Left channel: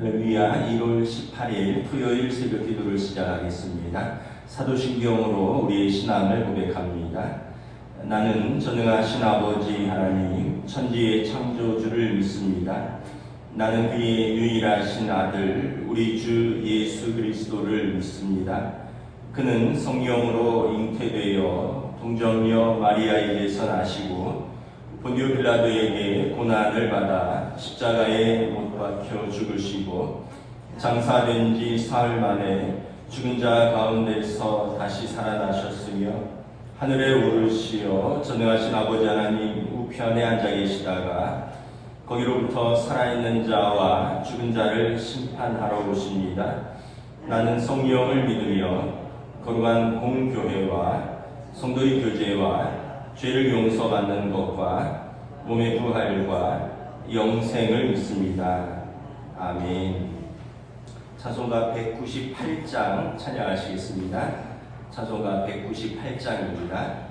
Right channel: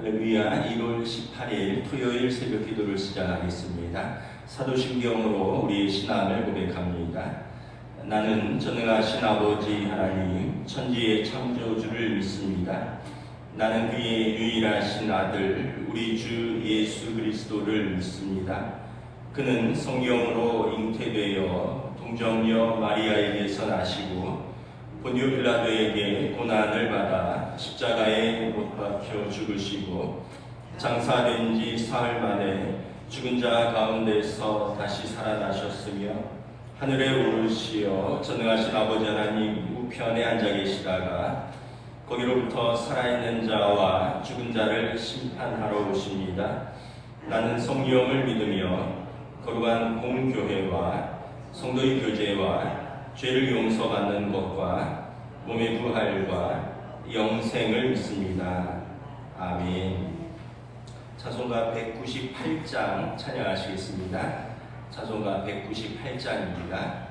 할렐루야. 1월 18일 토요일 새벽 기도를 시작하겠습니다. 사도신경으로 우리의 신앙을 고백합니다. 나는 전능하신 아버지 하나님 천지의 창조주를 믿습니다. 나는 그의 유일하신 아들 우리 주 예수 그리스도를 믿습니다. 그는 성령으로 잉태되어 동정녀 마리아에게서 나시고 본디오 빌라도에게 고난을 받아 십자가에 못 박혀 죽으시고 장사된 지 사흘 만에 죽은 자 가운데서 다시 살아나셨으며 하늘에 오르시어 전능하신 아버지 하나님 우편에 앉아 계시다가 거기로부터 살아있는 자와 죽은 자를 심판하러 오십니다. 나는 성령을 믿으며 거룩한 공교회와 성도의 교제와 죄를 용서받는 것과 몸의 부활과 영생을 믿습니다. 아멘. 찬송가 198장 찬양하시겠습니다. 찬송가 198장입니다.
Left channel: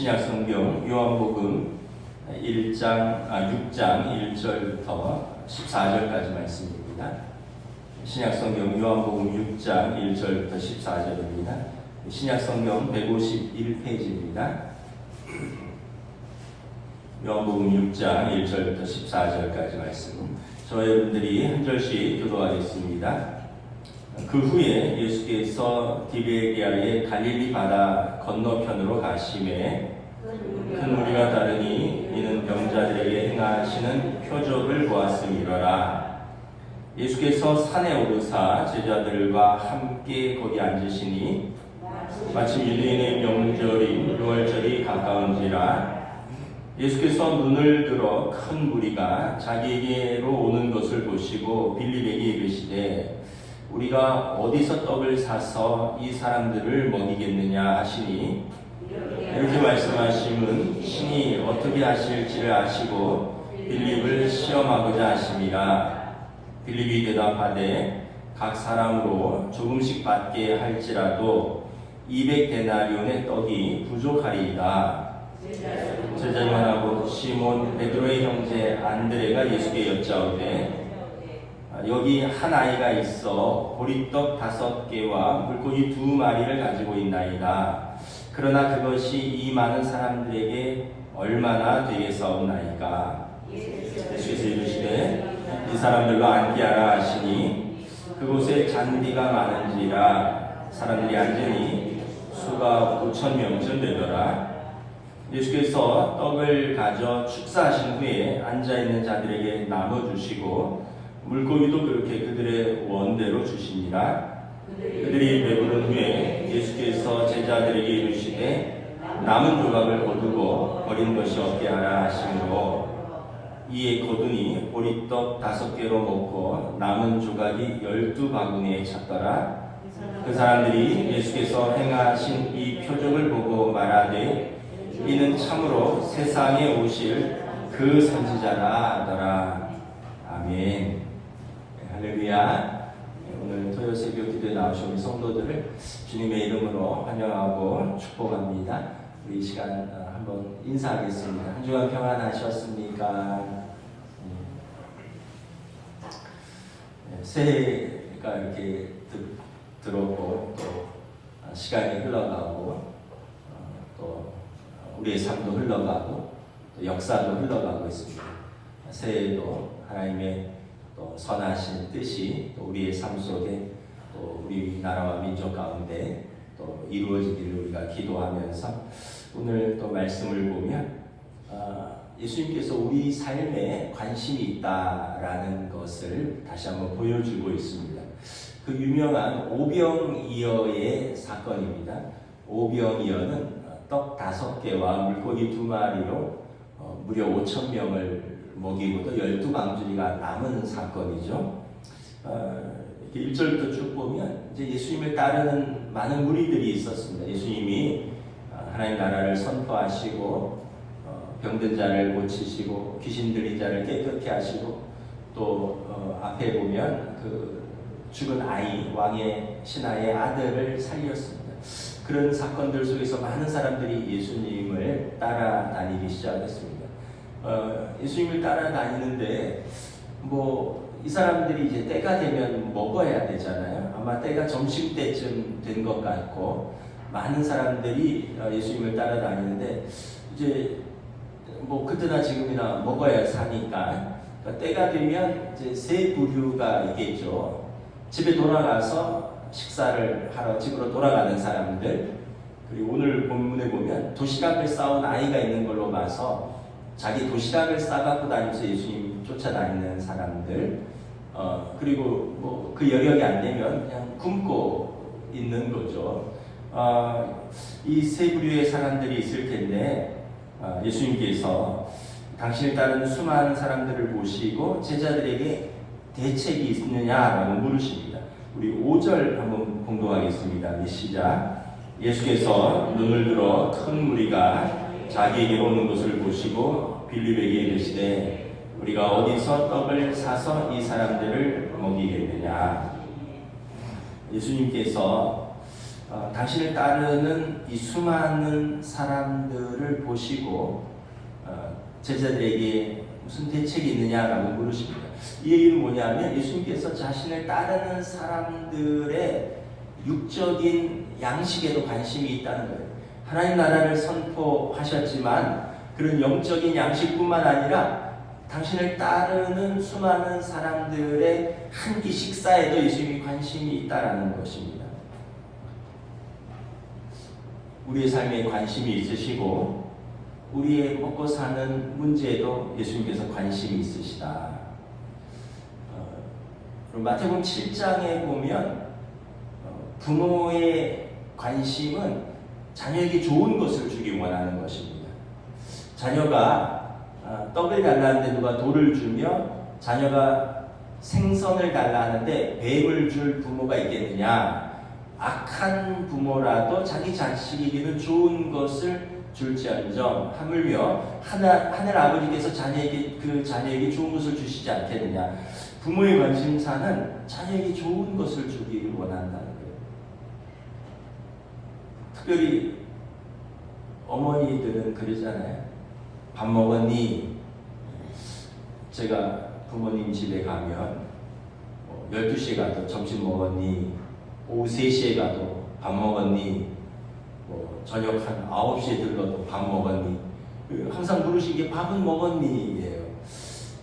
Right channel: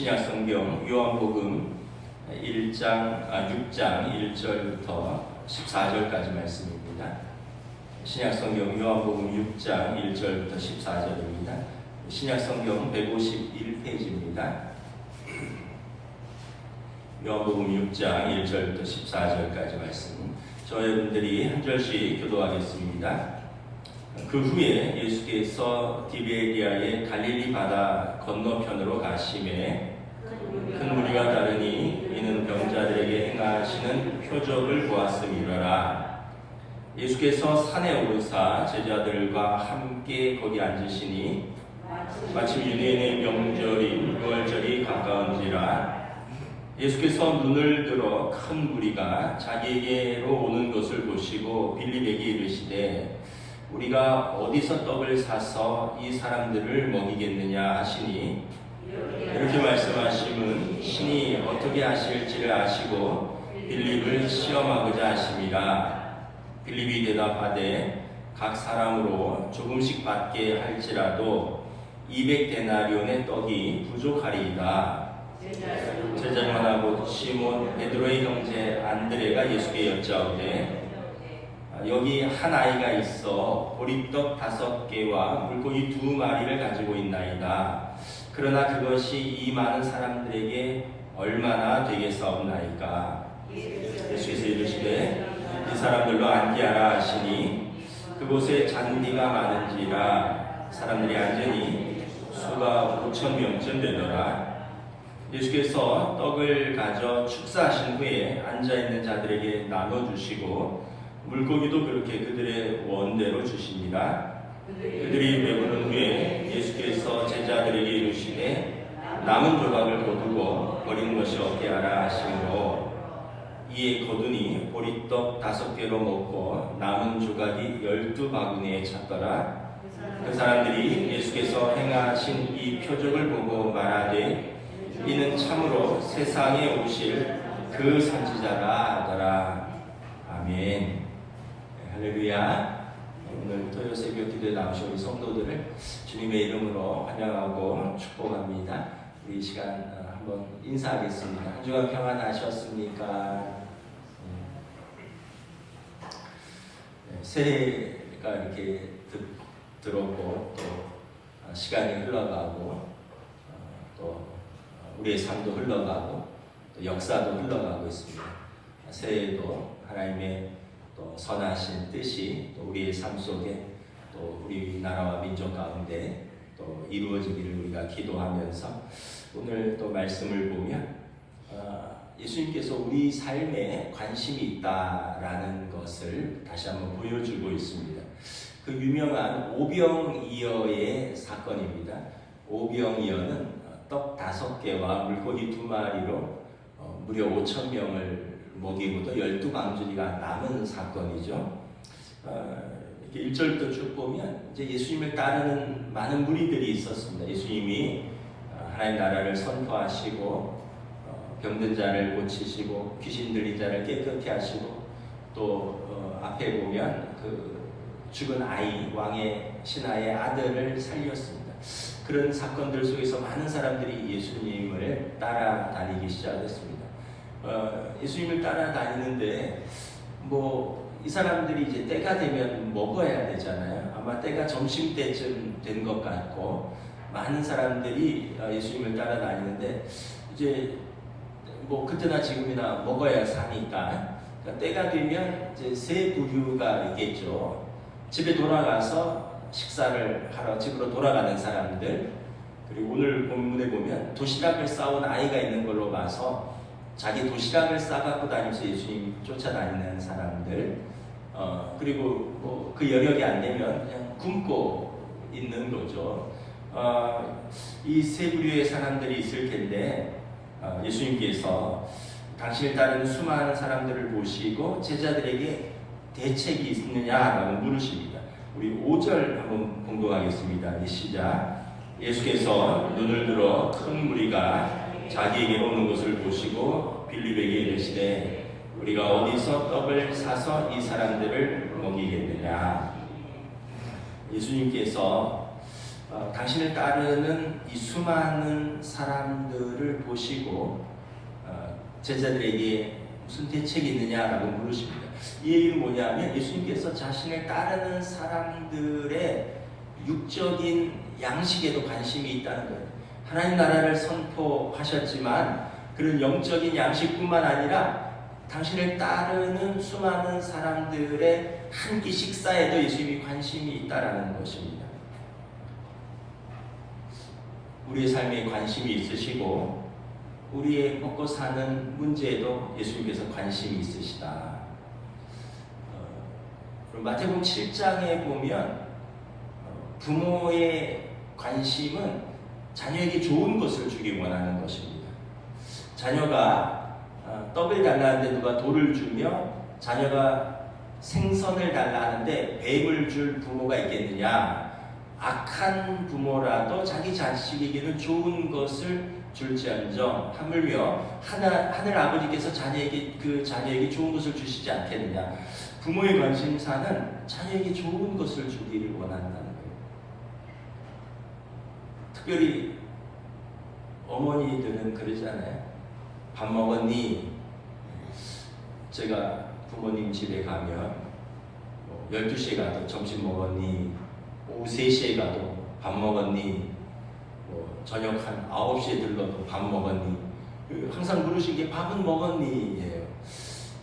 신약성경 요한복음 6장 1절부터 14절까지 말씀입니다. 신약성경 요한복음 6장 1절부터 14절입니다. 신약성경 151페이지입니다. 요한복음 6장 1절부터 14절까지 말씀. 저와 여러분들이 한 절씩 교도하겠습니다. 그 후에 예수께서 디베리아의 갈릴리 바다 건너편으로 가심에 큰 무리가 따르니 이는 병자들에게 행하시는 표적을 보았음이로라. 예수께서 산에 오르사 제자들과 함께 거기 앉으시니 마침 유대인의 명절인 유월절이 가까운지라. 예수께서 눈을 들어 큰 무리가 자기에게로 오는 것을 보시고 빌립에게 이르시되 우리가 어디서 떡을 사서 이 사람들을 먹이겠느냐 하시니 이렇게 말씀하심은 신이 어떻게 하실지를 아시고 빌립을 시험하고자 하심이라. 빌립이 대답하되 각 사람으로 조금씩 받게 할지라도 200데나리온의 떡이 부족하리이다. 제자 중 하나 곧 시몬 베드로의 형제 안드레가 예수께 여짜오되 여기 한 아이가 있어 보리떡 5개와 물고기 2마리를 가지고 있나이다. 그러나 그것이 이 많은 사람들에게 얼마나 되겠사옵나이까. 예수께서 이르시되 이 사람들로 앉게 하라 하시니 그곳에 잔디가 많은지라 사람들이 앉으니 수가 5,000명쯤 되더라. 예수께서 떡을 가져 축사하신 후에 앉아있는 자들에게 나눠주시고 물고기도 그렇게 그들의 원대로 주시니라. 그들이 배부른 후에 예수께서 제자들에게 이르시되 남은 조각을 거두고 버린 것이 없게 하라 하시므로 이에 거두니 보리떡 5개로 먹고 남은 조각이 12바구니에 찼더라. 그 사람들이 예수께서 행하신 이 표적을 보고 말하되 이는 참으로 세상에 오실 그 선지자라 하더라. 아멘. 할렐루야. 오늘 토요 새벽 기도에 나오신 우리 성도들을 주님의 이름으로 환영하고 축복합니다. 우리 이 시간 한번 인사하겠습니다. 한 주간 평안하셨습니까? 새해가 이렇게 들었고 또 시간이 흘러가고 또 우리의 삶도 흘러가고 또 역사도 흘러가고 있습니다. 새해에도 하나님의 또 선하신 뜻이 또 우리의 삶 속에 또 우리 나라와 민족 가운데 또 이루어지기를 우리가 기도하면서 오늘 또 말씀을 보면 예수님께서 우리 삶에 관심이 있다라는 것을 다시 한번 보여주고 있습니다. 그 유명한 오병이어의 사건입니다. 오병이어는 떡 5개와 물고기 2마리로 무려 5,000명을 먹이고도 12방주리가 남은 사건이죠. 1절부터 쭉 보면 이제 예수님을 따르는 많은 무리들이 있었습니다. 예수님이 하나님 나라를 선포하시고 병든 자를 고치시고 귀신 들린 자를 깨끗게 하시고 또 앞에 보면 그 죽은 아이 왕의 신하의 아들을 살렸습니다. 그런 사건들 속에서 많은 사람들이 예수님을 따라다니기 시작했습니다. 예수님을 따라다니는데 이 사람들이 이제 때가 되면 먹어야 되잖아요. 아마 때가 점심때쯤 된 것 같고 많은 사람들이 예수님을 따라다니는데 이제 그때나 지금이나 먹어야 사니까 때가 되면 이제 세 부류가 있겠죠. 집에 돌아가서 식사를 하러 집으로 돌아가는 사람들, 그리고 오늘 본문에 보면 도시락을 싸온 아이가 있는 걸로 봐서 자기 도시락을 싸갖고 다니면서 예수님 쫓아다니는 사람들, 그리고 그 여력이 안 되면 그냥 굶고 있는 거죠. 이 세 부류의 사람들이 있을 텐데 예수님께서 당신을 따르는 수많은 사람들을 모시고 제자들에게 대책이 있느냐라고 물으십니다. 우리 5절 한번 봉독하겠습니다. 시작. 예수께서 눈을 들어 큰 무리가 자기에게 오는 것을 보시고 빌립에게 이르시되 우리가 어디서 떡을 사서 이 사람들을 먹이겠느냐. 예수님께서 당신을 따르는 이 수많은 사람들을 보시고 제자들에게 무슨 대책이 있느냐라고 물으십니다. 이 얘기는 뭐냐면 예수님께서 자신을 따르는 사람들의 육적인 양식에도 관심이 있다는 거예요. 하나님 나라를 선포하셨지만 그런 영적인 양식뿐만 아니라 당신을 따르는 수많은 사람들의 한 끼 식사에도 예수님이 관심이 있다라는 것입니다. 우리의 삶에 관심이 있으시고 우리의 먹고 사는 문제에도 예수님께서 관심이 있으시다. 마태복음 7장에 보면 부모의 관심은 자녀에게 좋은 것을 주기 원하는 것입니다. 자녀가 떡을 달라는데 누가 돌을 주며 자녀가 생선을 달라는데 뱀을 줄 부모가 있겠느냐. 악한 부모라도 자기 자식에게는 좋은 것을 줄지언정 하물며 하늘 아버지께서 자녀에게 좋은 것을 주시지 않겠느냐. 부모의 관심사는 자녀에게 좋은 것을 주기를 원한다는 거예요. 특별히 어머니들은 그러잖아요. 밥 먹었니? 제가 부모님 집에 가면 12시에 가도 점심 먹었니? 오후 3시에 가도 밥 먹었니? 저녁 한 9시에 들러도 밥 먹었니? 항상 물으신 게 밥은 먹었니? 예요.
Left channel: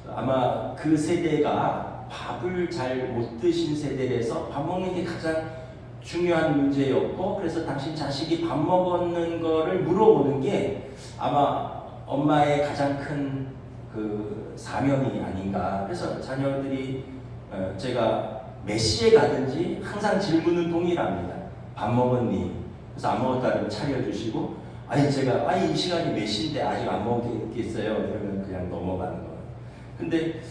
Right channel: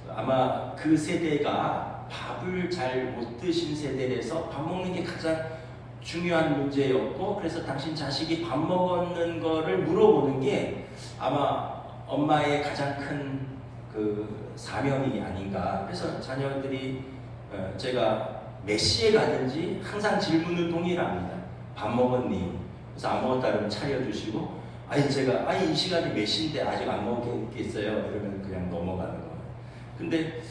아마 그 세대가 밥을 잘 못 드신 세대라서 밥 먹는 게 가장 중요한 문제였고, 그래서 당신 자식이 밥 먹었는 거를 물어보는 게 아마 엄마의 가장 큰 그 사명이 아닌가. 그래서 자녀들이 제가 몇 시에 가든지 항상 질문은 동일합니다. 밥 먹었니? 그래서 안 먹었다 그러면 차려주시고, 제가 이 시간이 몇 시인데 아직 안 먹겠어요? 그러면 그냥 넘어가는 거예요. 근데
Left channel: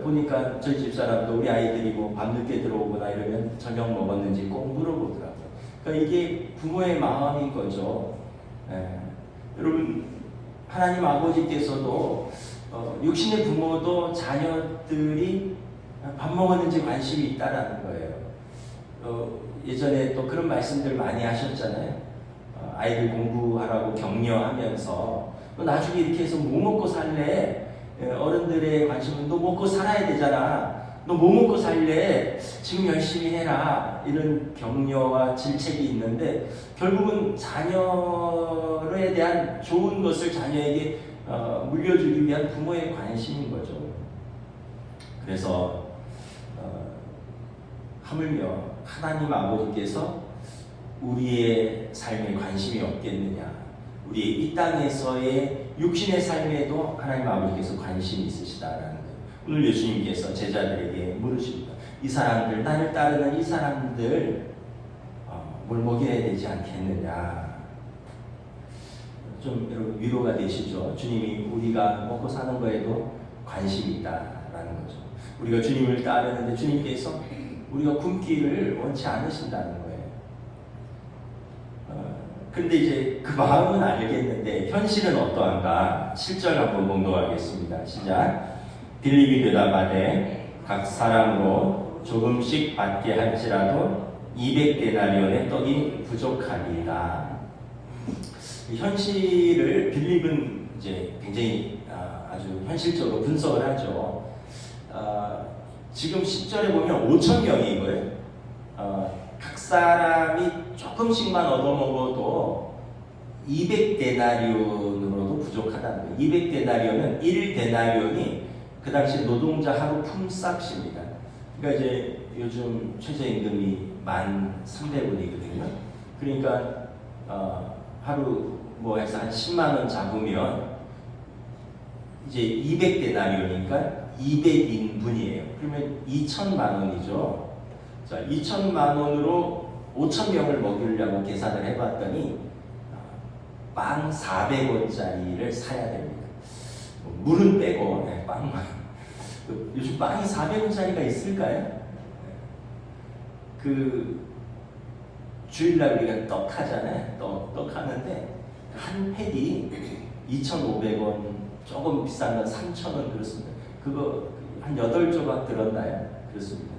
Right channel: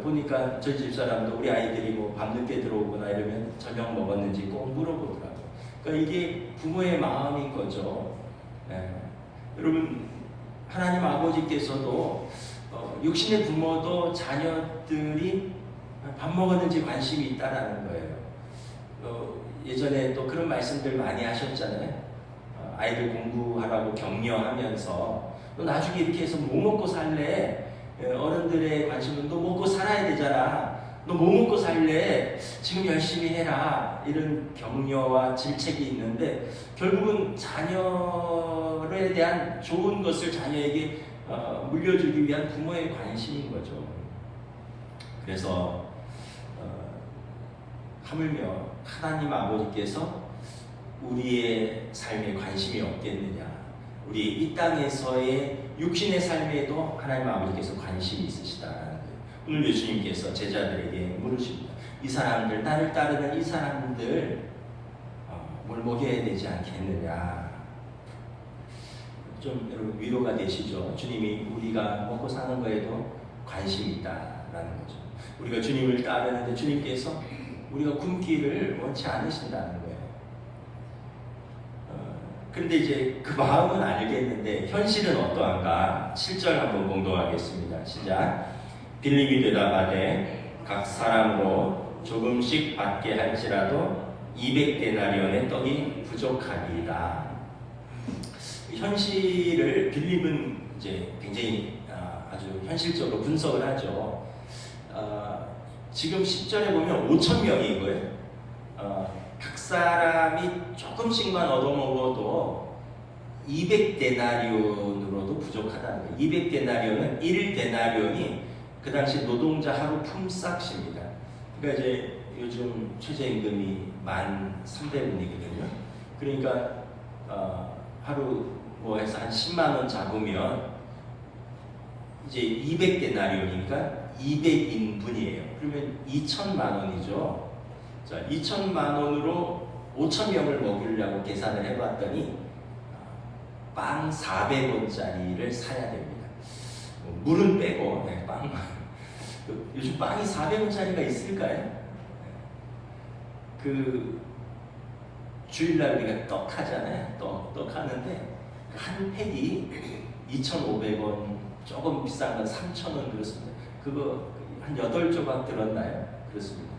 보니까 저희 집사람도 우리 아이들이 뭐 밤늦게 들어오거나 이러면 저녁 먹었는지 꼭 물어보더라고요. 그러니까 이게 부모의 마음인 거죠. 여러분, 하나님 아버지께서도 육신의 부모도 자녀들이 밥 먹었는지 관심이 있다라는 거예요. 예전에 또 그런 말씀들 많이 하셨잖아요. 아이들 공부하라고 격려하면서 너 나중에 이렇게 해서 뭐 먹고 살래? 어른들의 관심은 너 먹고 살아야 되잖아. 너 뭐 먹고 살래? 지금 열심히 해라. 이런 격려와 질책이 있는데 결국은 자녀에 대한 좋은 것을 자녀에게 물려주기 위한 부모의 관심인 거죠. 그래서 하물며 하나님 아버지께서 우리의 삶에 관심이 없겠느냐. 우리 이 땅에서의 육신의 삶에도 하나님 아버지께서 관심이 있으시다라는 거예요. 오늘 예수님께서 제자들에게 물으십니다. 이 사람들, 나를 따르는 이 사람들 뭘 먹여야 되지 않겠느냐. 좀 여러분 위로가 되시죠? 주님이 우리가 먹고 사는 거에도 관심이 있다라는 거죠. 우리가 주님을 따르는데 주님께서 우리가 굶기를 원치 않으신다는 거예요. 그런데 이제 그 마음은 알겠는데 현실은 어떠한가? 7절 한번 공독하겠습니다. 시작. 빌립이 대답하되 각 사람으로 조금씩 받게 할지라도 200데나리온의 떡이 부족하리이다. 현실을 빌립은 이제 굉장히 아주 현실적으로 분석을 하죠. 지금 10절에 보면 5,000명인 거예요. 각 사람이 조금씩만 얻어먹어도 200데나리온으로도 부족하다는 거예요. 200데나리온은 1데나리온이 그 당시 노동자 하루 품삯입니다. 그러니까 이제 요즘 최저임금이 1,300원이거든요. 그러니까 하루 뭐 해서 한 10만 원 잡으면 이제 200데나리온이니까 200인분이에요. 그러면 2천만 원이죠. 자, 2천만 원으로 5,000명을 먹이려고 계산을 해봤더니 빵 400원짜리를 사야 됩니다. 물은 빼고 빵만. 요즘 빵이 400원짜리가 있을까요? 그 주일날 우리가 떡 하잖아요. 떡 하는데 한 팩이 2,500원, 조금 비싼 건 3,000원 그렇습니다. 그거 한 8조각 들었나요? 그렇습니다.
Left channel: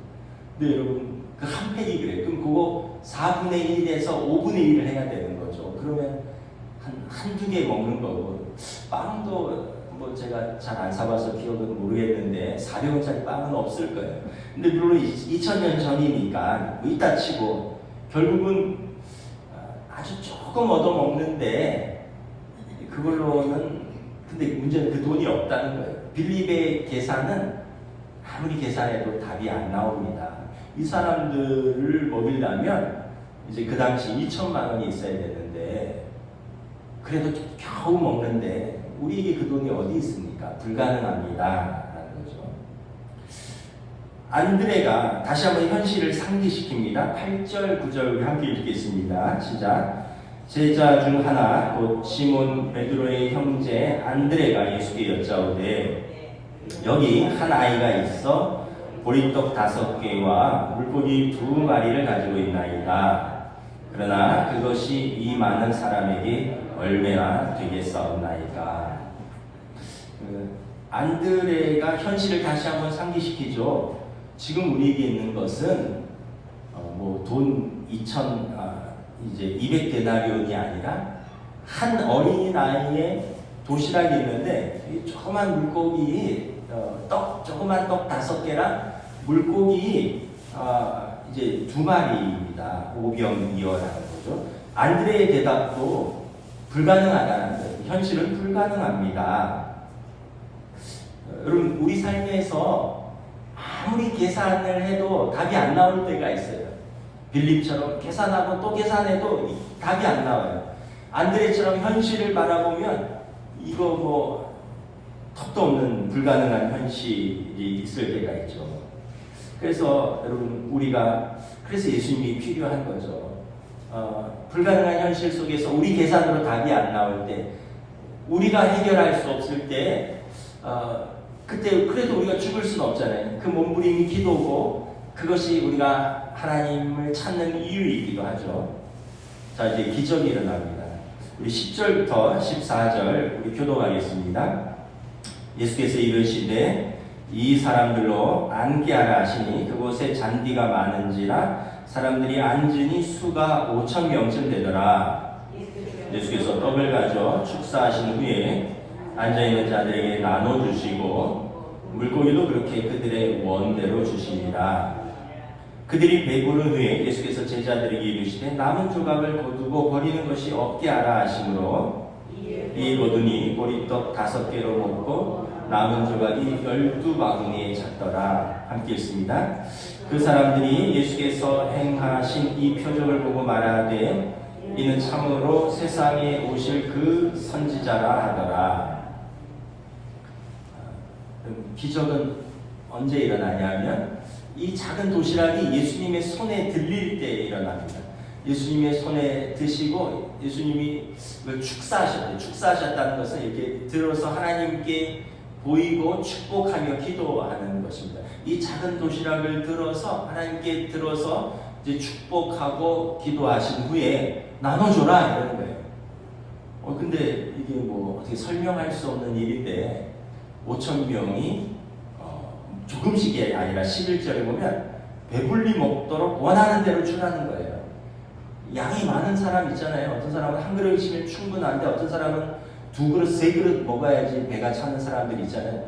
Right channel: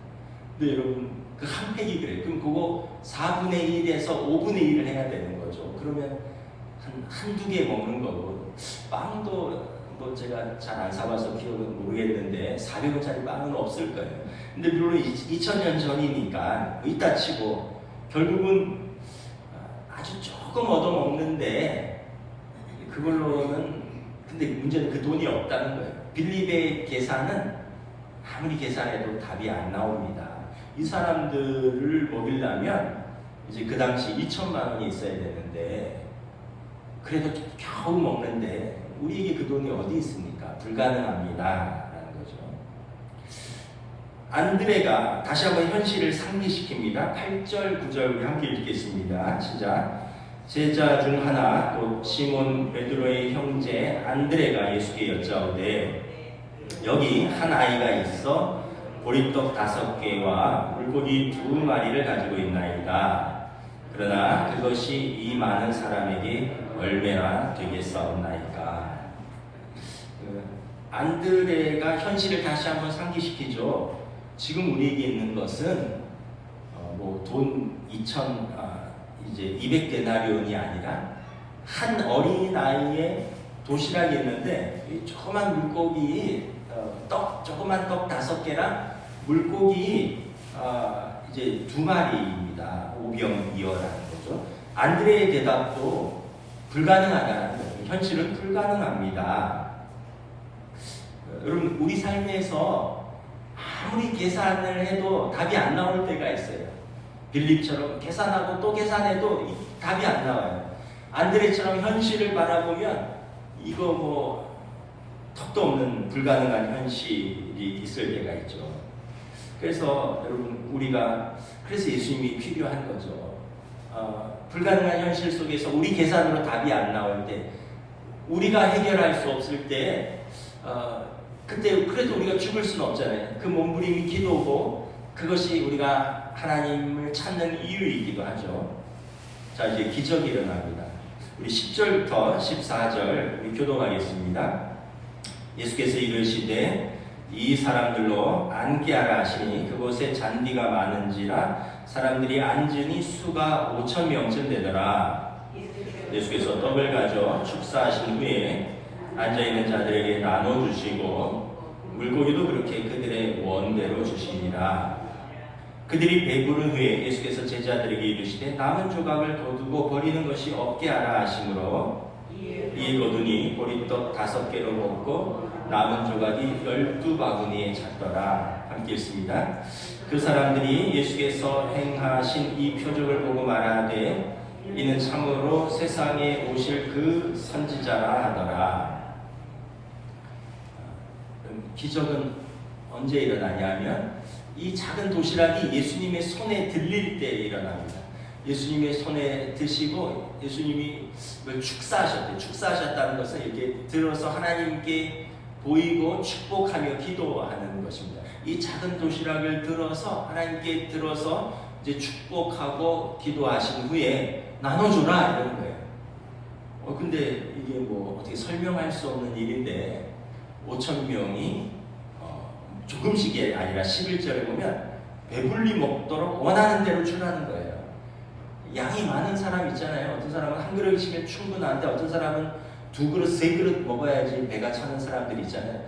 근데 여러분 그 한 팩이 그래요. 그럼 그거 4분의 1에서 5분의 1을 해야 되는 거죠. 그러면 한두 개 먹는 거고, 빵도 뭐 제가 잘 안 사봐서 기억은 모르겠는데 400원짜리 빵은 없을 거예요. 근데 물론 2000년 전이니까 이따 치고 결국은 아주 조금 얻어먹는데 그걸로는, 근데 문제는 그 돈이 없다는 거예요. 빌립의 계산은 아무리 계산해도 답이 안 나옵니다. 이 사람들을 먹이려면 이제 그 당시 2천만 원이 있어야 되는데 그래도 겨우 먹는데 우리에게 그 돈이 어디 있습니까? 불가능합니다. 라는 거죠. 안드레가 다시 한번 현실을 상기시킵니다. 8절, 9절 우리 함께 읽겠습니다. 시작. 제자 중 하나 곧 시몬 베드로의 형제 안드레가 예수께 여짜오되 여기 한 아이가 있어 보리떡 5개와 물고기 2마리를 가지고 있나이다. 그러나 그것이 이 많은 사람에게 얼마나 되겠사옵나이까. 안드레가 현실을 다시 한번 상기시키죠. 지금 우리에게 있는 것은 돈 200데나리온이 아니라 한 어린아이의 도시락이 있는데 이 조그만 물고기 조그만 떡 5개랑 물고기 이제 2마리입니다. 오병이어라는 거죠. 안드레의 대답도 불가능하다는 거예요. 현실은 불가능합니다. 여러분 우리 삶에서 아무리 계산을 해도 답이 안 나올 때가 있어요. 빌립처럼 계산하고 또 계산해도 답이 안 나와요. 안드레처럼 현실을 바라보면 이거 턱도 없는 불가능한 현실이 있을 때가 있죠. 그래서 여러분 그래서 예수님이 필요한 거죠. 불가능한 현실 속에서 우리 계산으로 답이 안 나올 때, 우리가 해결할 수 없을 때, 그때 그래도 우리가 죽을 수는 없잖아요. 그 몸부림이 기도고 그것이 우리가 하나님을 찾는 이유이기도 하죠. 자, 이제 기적이 일어납니다. 우리 10절부터 14절 우리 교독하겠습니다. 예수께서 이르시되 이 사람들로 앉게 하라 하시니 그곳에 잔디가 많은지라 사람들이 앉으니 수가 5,000명쯤 되더라. 예수께서 떡을 가져 축사하신 후에 앉아있는 자들에게 나눠주시고 물고기도 그렇게 그들의 원대로 주시니라. 그들이 배부른 후에 예수께서 제자들에게 이르시되 남은 조각을 거두고 버리는 것이 없게 하라 하시므로 이에 거두니 보리떡 5개로 먹고 남은 조각이 12바구니에 찼더라. 함께 읽습니다. 그 사람들이 예수께서 행하신 이 표적을 보고 말하되 이는 참으로 세상에 오실 그 선지자라 하더라. 기적은 언제 일어나냐면 이 작은 도시락이 예수님의 손에 들릴 때 일어납니다. 예수님의 손에 드시고 예수님이 축사하셨대요. 축사하셨다는 것은 이렇게 들어서 하나님께 보이고 축복하며 기도하는 것입니다. 이 작은 도시락을 들어서 하나님께 들어서 이제 축복하고 기도하신 후에 나눠줘라 이러는 거예요. 근데 이게 어떻게 설명할 수 없는 일인데 5,000명이 조금씩이 아니라 11절에 보면 배불리 먹도록 원하는 대로 주라는 거예요. 양이 많은 사람 있잖아요. 어떤 사람은 한 그릇이면 충분한데 어떤 사람은 2그릇, 3그릇 먹어야지 배가 차는 사람들이 있잖아요.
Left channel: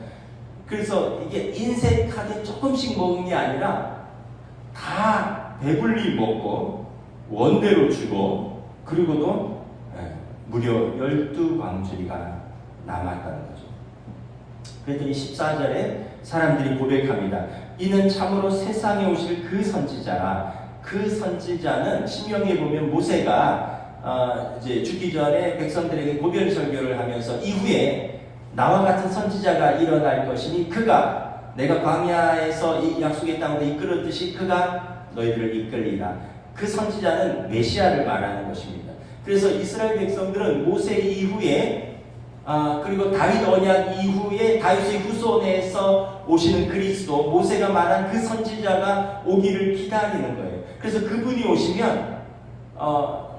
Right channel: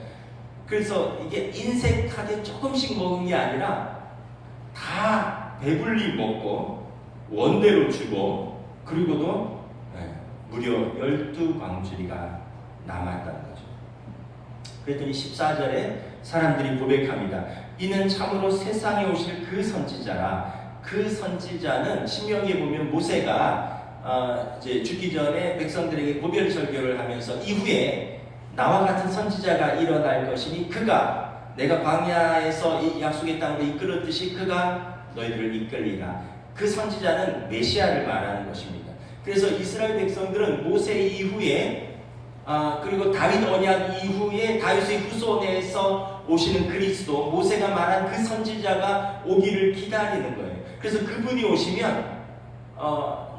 그래서 이게 인색하게 조금씩 먹은 게 아니라 다 배불리 먹고 원대로 주고 그리고도 무려 12광주리가 남았다는 거죠. 그랬더니 14절에 사람들이 고백합니다. 이는 참으로 세상에 오실 그 선지자라. 그 선지자는 신명기에 보면 모세가 이제 죽기 전에 백성들에게 고별 설교를 하면서 이후에 나와 같은 선지자가 일어날 것이니 그가 내가 광야에서 이 약속의 땅으로 이끌었듯이 그가 너희들을 이끌리라. 그 선지자는 메시아를 말하는 것입니다. 그래서 이스라엘 백성들은 모세 이후에 그리고 다윗 언약 이후에 다윗의 후손에서 오시는 그리스도, 모세가 말한 그 선지자가 오기를 기다리는 거예요. 그래서 그분이 오시면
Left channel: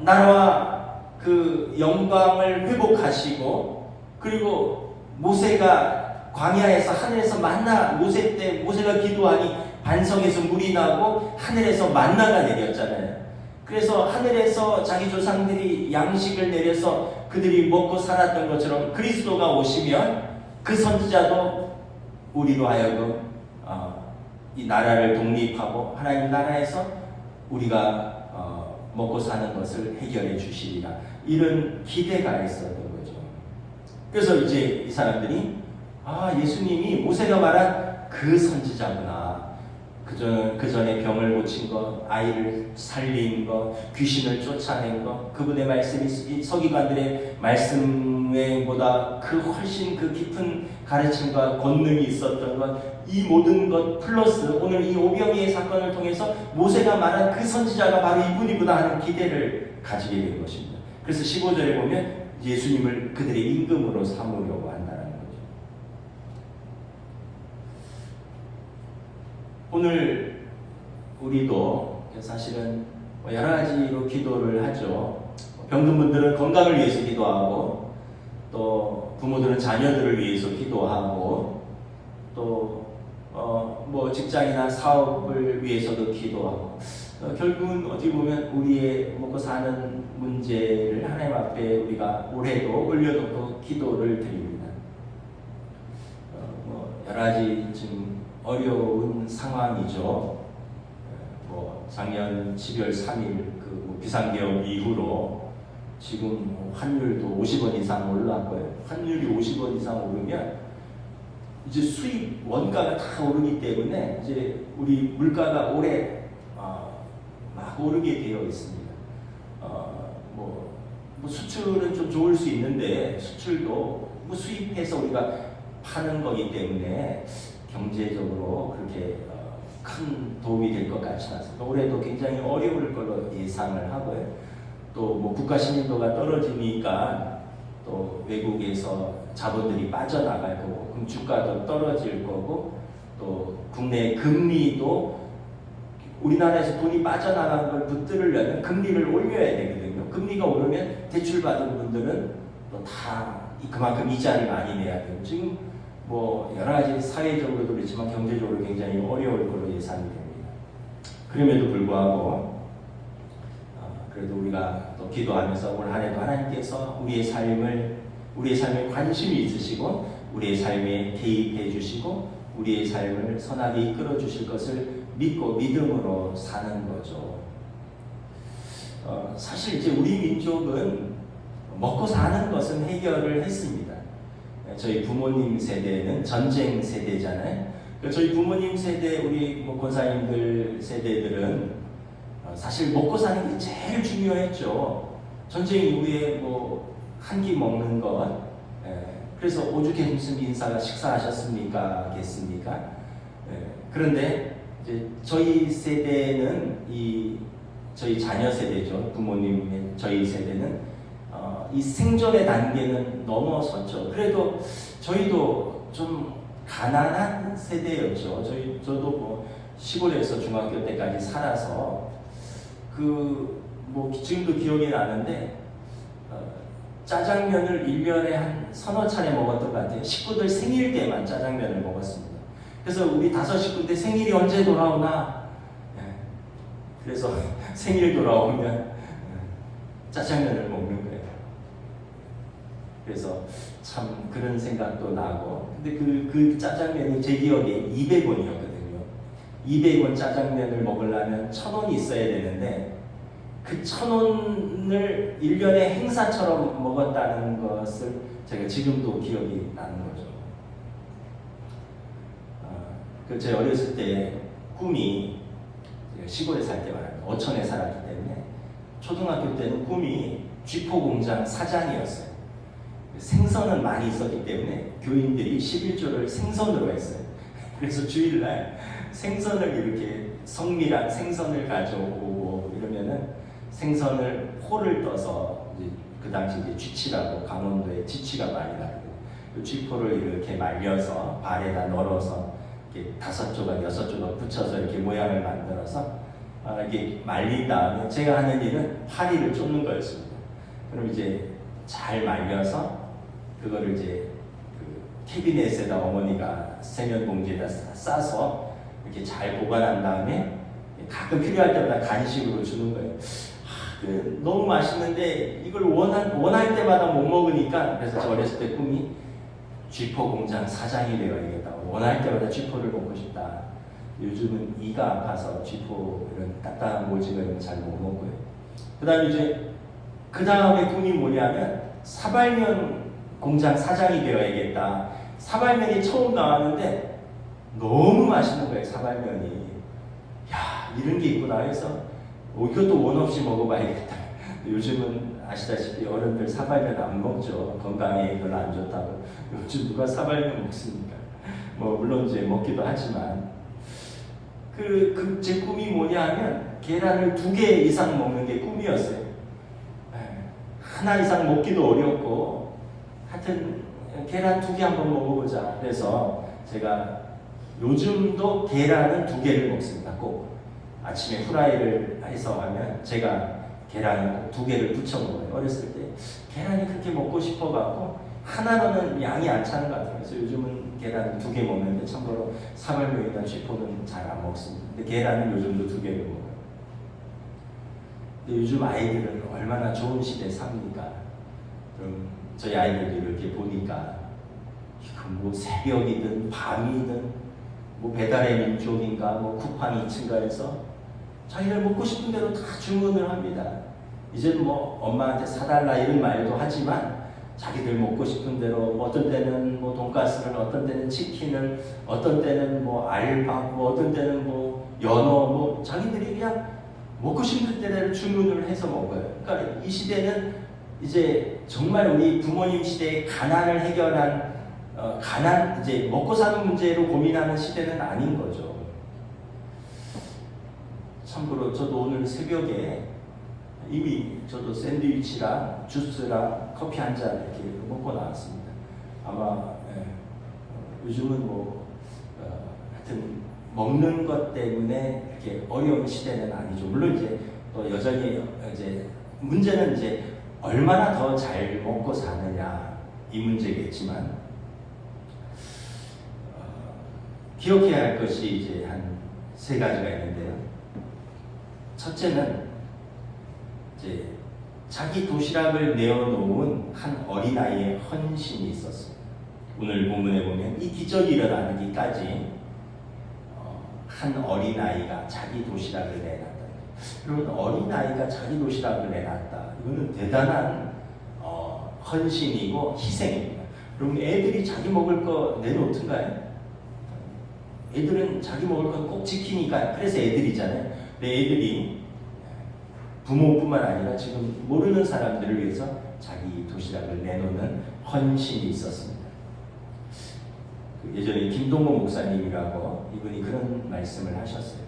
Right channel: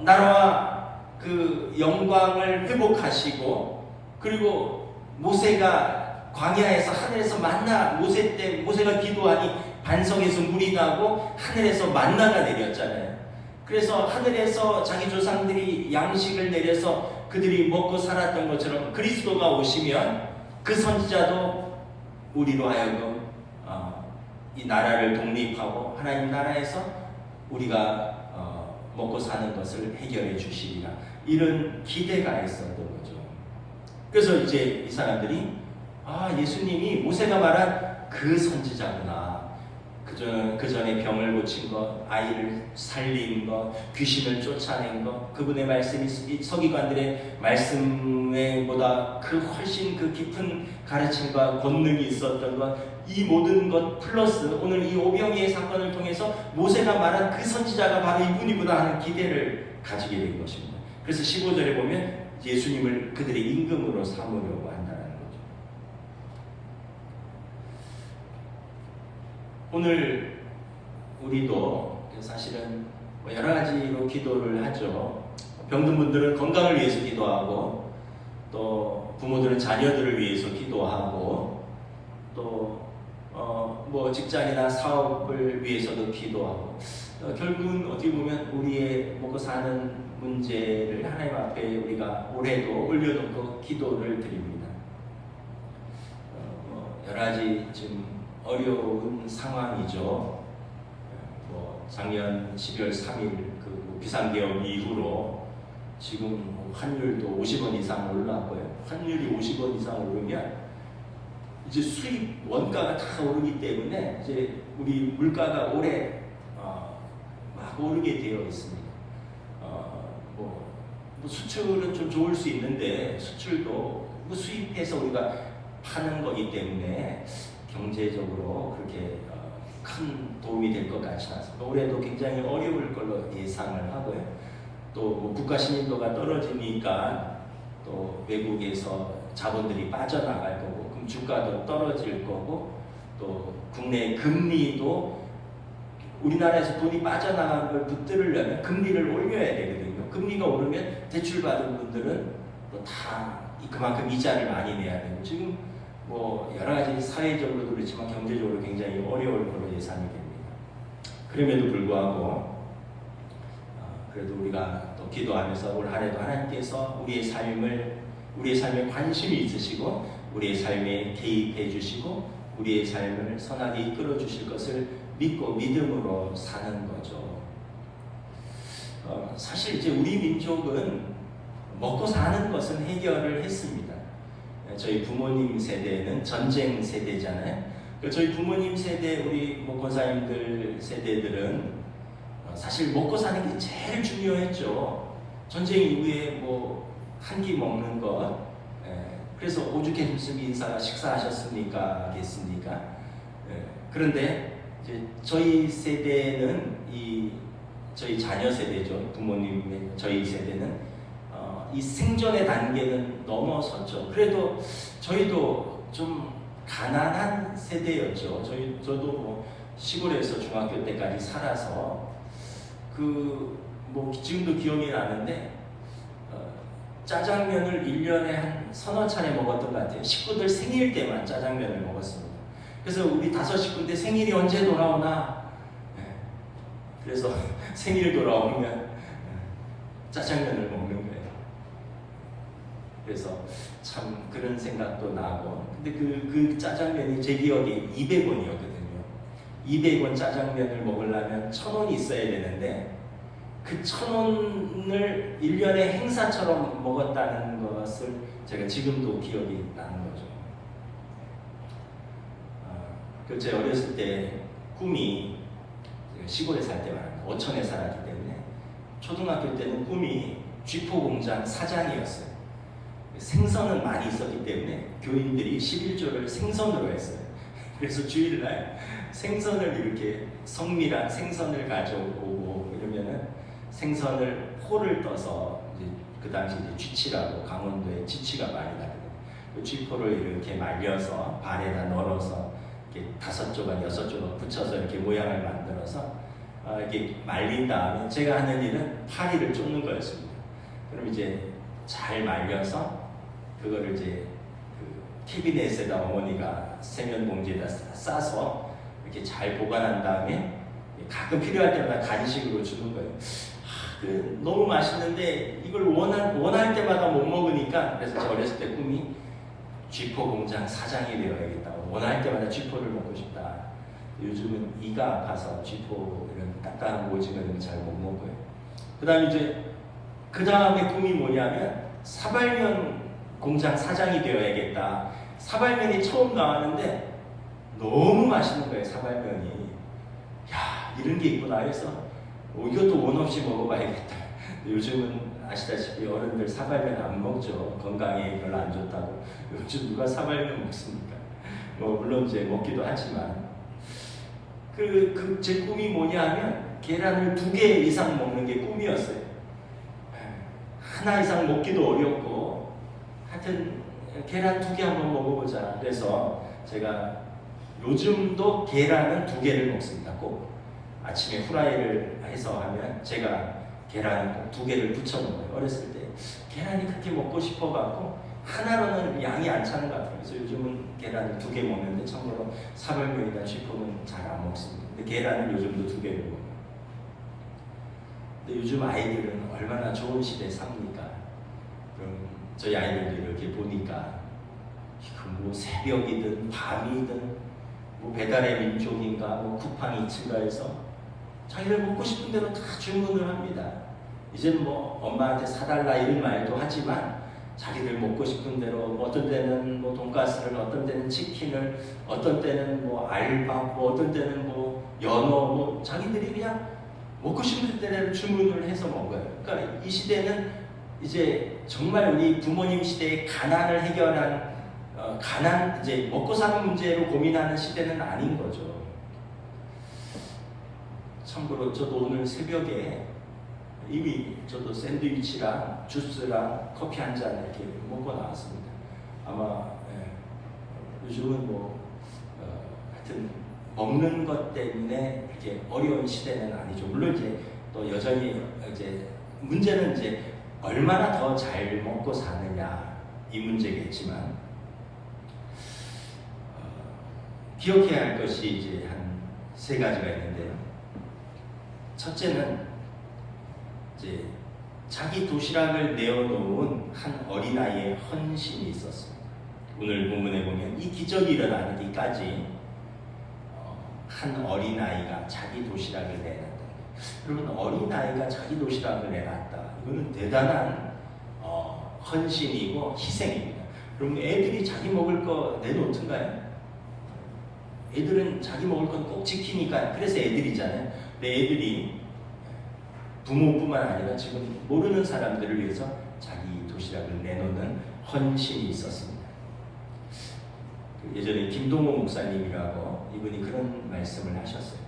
나라와 그 영광을 회복하시고 그리고 모세가 광야에서 하늘에서 만나 모세가 기도하니 반석에서 물이 나고 하늘에서 만나가 내렸잖아요. 그래서 하늘에서 자기 조상들이 양식을 내려서 그들이 먹고 살았던 것처럼 그리스도가 오시면 그 선지자도 우리로 하여금 이 나라를 독립하고 하나님 나라에서 우리가 먹고 사는 것을 해결해 주시리라. 이런 기대가 있었던 거죠. 그래서 이제 이 사람들이 예수님이 모세가 말한 그 선지자구나. 그 전에 병을 고친 것, 아이를 살린 것, 귀신을 쫓아낸 것, 그분의 말씀이 서기관들의 말씀보다 그 훨씬 그 깊은 가르침과 권능이 있었던 것, 이 모든 것 플러스 오늘 이 오병이의 사건을 통해서 모세가 말한 그 선지자가 바로 이분이구나 하는 기대를 가지게 된 것입니다. 그래서 15절에 보면 예수님을 그들의 임금으로 삼으려고 한다는 거죠. 오늘 우리도 사실은 여러 가지로 기도를 하죠. 병든 분들은 건강을 위해서 기도하고, 또 부모들은 자녀들을 위해서 기도하고, 또 직장이나 사업을 위해서도 기도하고, 결국은 어떻게 보면 우리의 먹고 사는 문제를 하나님 앞에 우리가 올해도 올려놓고 기도를 드립니다. 여러 가지 좀 어려운 상황이죠. 작년 12월 3일 그 비상계엄 이후로 지금 환율도 50원 이상 올랐고요. 환율이 50원 이상 오르면 이제 수입 원가가 다 오르기 때문에 이제 우리 물가가 올해 막 오르게 되어 있습니다. 수출은 좀 좋을 수 있는데 수출도 수입해서 우리가 파는 거기 때문에 경제적으로 그렇게 큰 도움이 될 것 같지 않습니다. 올해도 굉장히 어려울 걸로 예상을 하고요. 또 국가 신인도가 떨어지니까 또 외국에서 자본들이 빠져나갈 거고, 그럼 주가도 떨어질 거고, 또 국내 금리도 우리나라에서 돈이 빠져나간 걸 붙들으려면 금리를 올려야 되거든요. 금리가 오르면 대출 받은 분들은 또 다 그만큼 이자를 많이 내야 돼요. 지금 여러 가지 사회적으로도 그렇지만 경제적으로 굉장히 어려울 걸로 예상이 됩니다. 그럼에도 불구하고 그래도 우리가 또 기도하면서 올 한 해도 하나님께서 우리의 삶에 관심이 있으시고 우리의 삶에 개입해 주시고 우리의 삶을 선하게 이끌어 주실 것을 믿고 믿음으로 사는 거죠. 사실 이제 우리 민족은 먹고 사는 것은 해결을 했습니다. 저희 부모님 세대는 전쟁 세대잖아요. 저희 부모님 세대, 우리 권사님들 세대들은 사실 먹고 사는 게 제일 중요했죠. 전쟁 이후에 한 끼 먹는 것. 그래서 오죽해 무슨 인사가 식사하셨습니까? 겠습니까? 그런데 이제 저희 세대는 저희 자녀 세대죠. 부모님의 저희 세대는 이 생존의 단계는 넘어섰죠. 그래도 저희도 좀 가난한 세대였죠. 저도 시골에서 중학교 때까지 살아서 지금도 기억이 나는데 짜장면을 1년에 한 서너 차례 먹었던 것 같아요. 식구들 생일 때만 짜장면을 먹었습니다. 그래서 우리 5식구인데 생일이 언제 돌아오나? 그래서 생일 돌아오면 짜장면을 먹는 거예요. 그래서 참 그런 생각도 나고, 근데 그 짜장면이 제 기억에 200원이었거든요. 200원 짜장면을 먹으려면 1,000원이 있어야 되는데 그 1,000원을 1년에 행사처럼 먹었다는 것을 제가 지금도 기억이 나는 거죠. 제 어렸을 때 꿈이, 시골에 살 때 말합니다. 어촌에 살았기 때문에 초등학교 때는 꿈이 쥐포 공장 사장이었어요. 생선은 많이 있었기 때문에 교인들이 11조를 생선으로 했어요. 그래서 주일날 생선을 이렇게 성미랑 생선을 가져오고 이러면은 생선을 포를 떠서 그 당시 쥐치라고 강원도에 쥐치가 많이 나고 그 쥐포를 이렇게 말려서 발에다 널어서 이렇게 5조각 6조각 붙여서 이렇게 모양을 만들어서 이렇게 말린 다음에 제가 하는 일은 파리를 쫓는 거였습니다. 그럼 이제 잘 말려서 그거를 이제 캐비넷에다 어머니가 세면 봉지에다 싸서 이렇게 잘 보관한 다음에 가끔 필요할 때마다 간식으로 주는 거예요. 너무 맛있는데 이걸 원할 때마다 못 먹으니까, 그래서 저 어렸을 때 꿈이 쥐포 공장 사장이 되어야겠다. 원할 때마다 쥐포를 먹고 싶다. 요즘은 이가 아파서 쥐포 이런 딱딱한 오징어 이런 거 잘 못 먹고요. 그 다음에 이제 그 다음에 꿈이 뭐냐면 사발면 공장 사장이 되어야겠다. 사발면이 처음 나왔는데 너무 맛있는 거예요. 사발면이. 야, 이런 게 있구나 해서 이것도 원 없이 먹어봐야겠다. 요즘은 아시다시피 어른들 사발면 안 먹죠. 건강에 별로 안 좋다고. 요즘 누가 사발면 먹습니까? 뭐 물론 이제 먹기도 하지만 제 꿈이 뭐냐 하면 계란을 2개 이상 먹는 게 꿈이었어요. 하나 이상 먹기도 어렵고 하여튼 계란 2개 한번 먹어보자. 그래서 제가 요즘도 계란은 2개를 먹습니다. 꼭 아침에 후라이를 해서 하면 제가 계란을 꼭 2개를 부쳐 먹어요. 어렸을 때 계란이 그렇게 먹고 싶어갖고 하나로는 양이 안 차는 것 같아요. 그래서 요즘은 계란을 2개 먹는데 참고로 사발면이나 쥐포는 잘 안 먹습니다. 근데 계란은 요즘도 2개를 먹어요. 근데 요즘 아이들은 얼마나 좋은 시대에 삽니까? 그럼 저희 아이들도 이렇게 보니까 뭐 새벽이든 밤이든 뭐 배달의 민족인가 뭐 쿠팡 2층가에서 자기들 먹고 싶은 대로 다 주문을 합니다. 이제는 뭐 엄마한테 사달라 이런 말도 하지만 자기들 먹고 싶은 대로 뭐 어떤 때는 뭐 돈가스를, 어떤 때는 치킨을, 어떤 때는 뭐 알밥, 뭐 어떤 때는 뭐 연어, 뭐 자기들이 그냥 먹고 싶은 대로 주문을 해서 먹어요. 그러니까 이 시대는 이제 정말 우리 부모님 시대의 가난을 해결한 가난, 이제 먹고 사는 문제로 고민하는 시대는 아닌 거죠. 참고로 저도 오늘 새벽에 이미 저도 샌드위치랑 주스랑 커피 한 잔 이렇게 먹고 나왔습니다. 아마 요즘은 뭐 하여튼 먹는 것 때문에 이렇게 어려운 시대는 아니죠. 물론 이제 또 여전히 이제 문제는 이제 얼마나 더 잘 먹고 사느냐 이 문제겠지만 기억해야 할 것이 이제 한 3가지가 있는데요. 첫째는 이제 자기 도시락을 내어놓은 한 어린아이의 헌신이 있었습니다. 오늘 본문에 보면 이 기적이 일어나기까지 한 어린아이가 자기 도시락을 내놨다. 여러분, 어린아이가 자기 도시락을 내놨다. 이거는 대단한 헌신이고 희생입니다. 그럼 애들이 자기 먹을 거 내놓던가요? 애들은 자기 먹을 건 꼭 지키니까. 그래서 애들이잖아요. 근데 애들이 부모뿐만 아니라 지금 모르는 사람들을 위해서 자기 도시락을 내놓는 헌신이 있었습니다. 예전에 김동호 목사님이라고 이분이 그런 말씀을 하셨어요.